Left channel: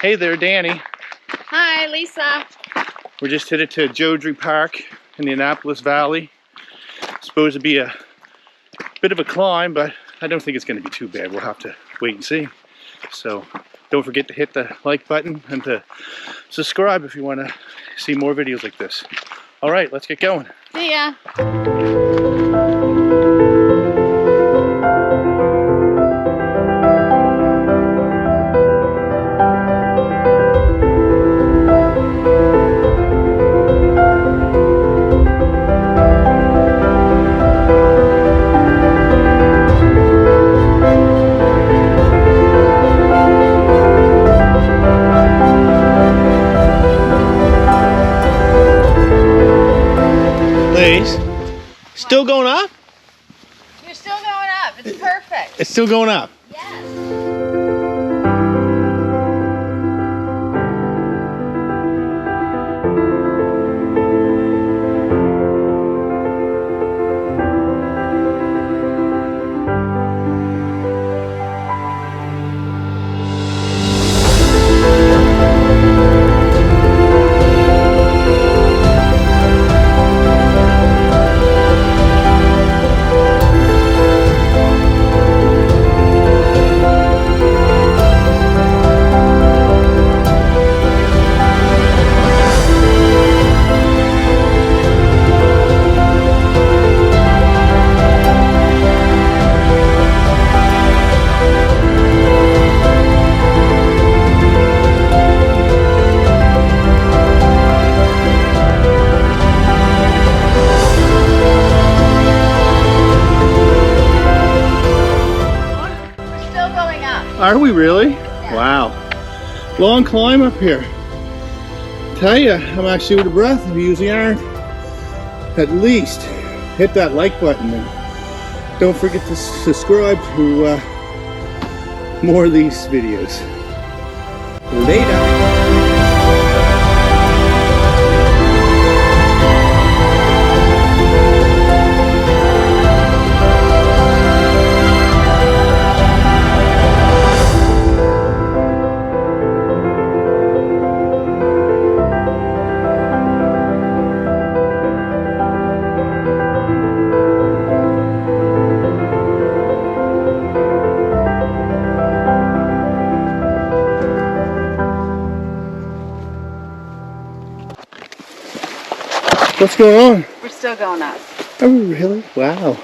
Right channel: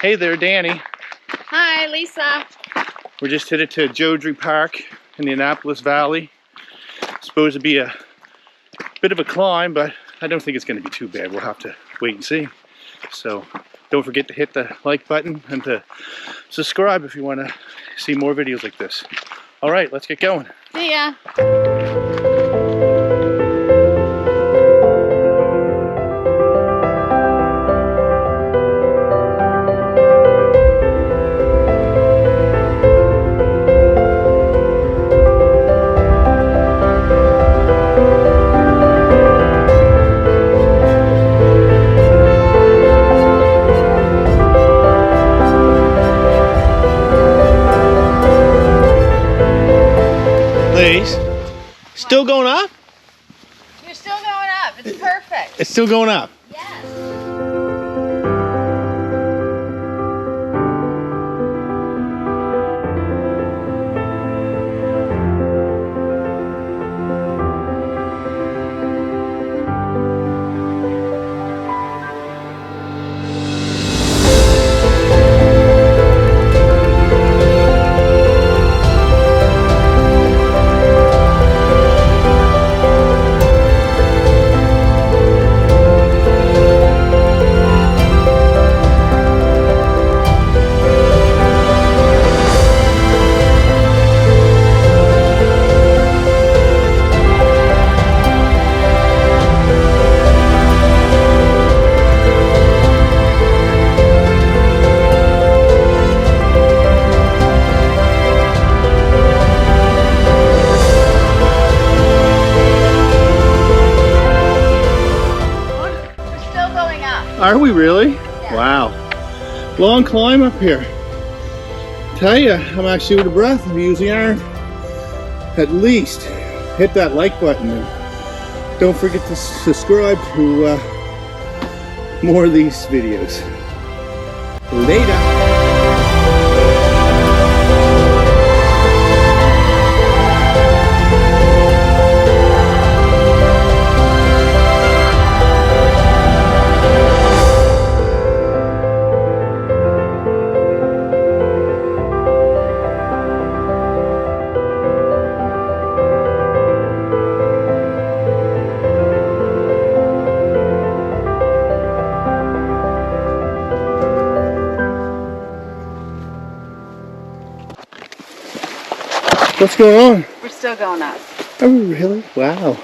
Hey there, Danny. Hi, Lisa. We're just headed to Jodrey Park in the Annapolis Valley. It's supposed to be a bit of a climb, but I don't think it's going to be too bad. We'll have to wait and see. So don't forget to hit the like button and to subscribe if you want to see more videos like this. All right, let's get going. See ya. Ladies, still going up? You're still going up. It's perfect. It's still going up. Yes. Are we really? Yeah. Wow. Long climb up here. Tell you, I'm actually out of breath. If you use the iron, at least hit that like button and don't forget to subscribe to more of these videos. Later. What's going on? We're still going up. Are we really? Wow.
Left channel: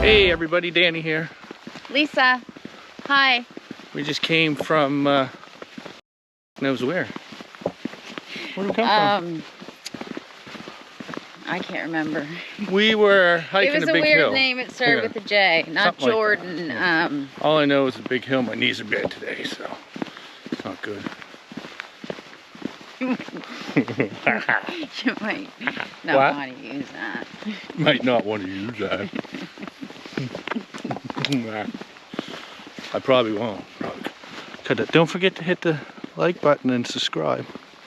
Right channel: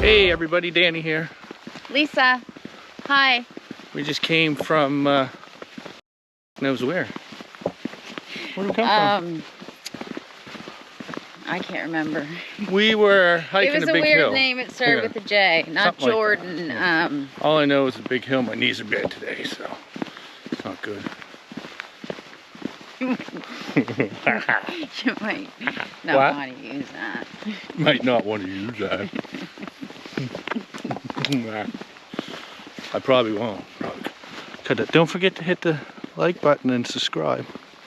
Hey everybody, Danny here. Lisa. Hi. We just came from, knows where? Where did we come from? I can't remember. We were hiking It was a big hill. a weird name. It started with a J. Not Something like Jordan. that. Yeah. All I know is a big hill. My knees are bad today, so it's not good. You might not want to use that. Might not want to use that. I probably won't. Don't forget to hit the like button and subscribe.